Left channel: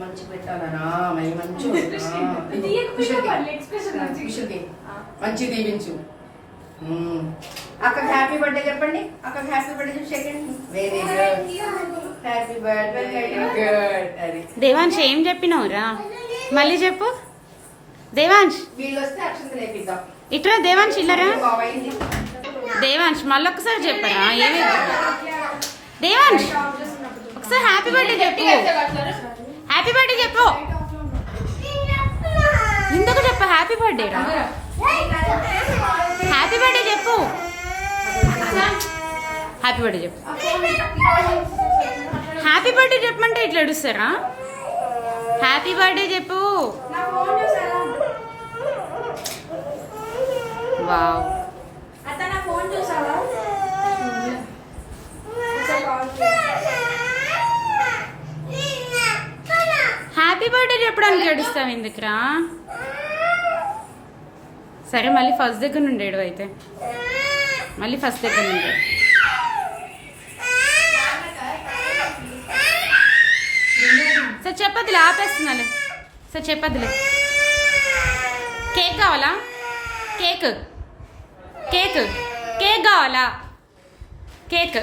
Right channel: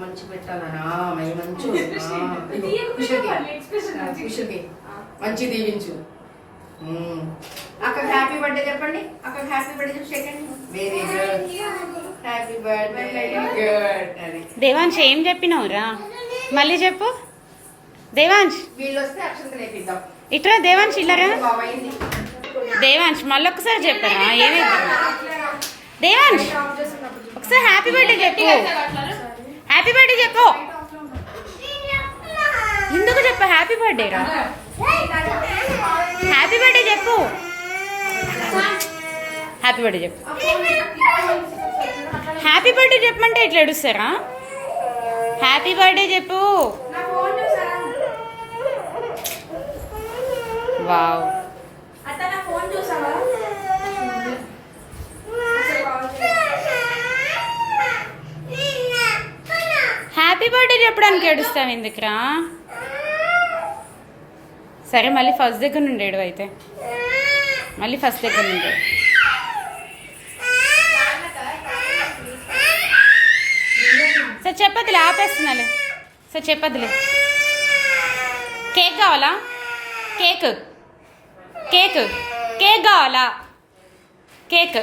మంచి పెట్టాలనా మంచి మంచి దీవించు. అక్క హ్యాపీ బర్త్డే చెప్పండి. అక్క happy birthday second. Very good. Happy birthday. Good. Devansh ఏం చెప్పినావురా? మళ్ళీ చెప్పు దేవాంశ్. వీళ్ళు వస్తే అక్షంతలు వేపిద్దాం. ఇట్రా దేవాంశ్ ఇల్లరా. దేవాంశ్ మళ్ళొక్కసారి చెప్పరా ఏమైంది? దేవాంశ్ ఒకసారి హ్యాపీ బర్త్డే చెప్పు. హ్యాపీ బర్త్డే చెప్పు. ఎందుకు చెప్పు హ్యాపీ బర్త్డే రా. హ్యాపీ బర్త్డే చెప్పు. హ్యాపీ బర్త్డే చెప్పు. హ్యాపీ బర్త్డే చెప్పమంటే ఇట్లా ఏడుస్తారా? హ్యాపీ బర్త్డే చెప్పు. వావ్. హ్యాపీ బర్త్డే చెప్పడానికి ఏడుస్తావు ఎందుకురా? సరే మళ్ళీ ఫస్ట్ దగ్గర నుండి ఏడు అయితే. మళ్ళీ ఫస్ట్ దగ్గర నుండి. సార్ చెప్పదులే ఆపేస్తున్నాలే. సార్ చెప్పదులే. కేక్ కావాలా? కేక్ కేక్ కేక్ కావాలా? కేక్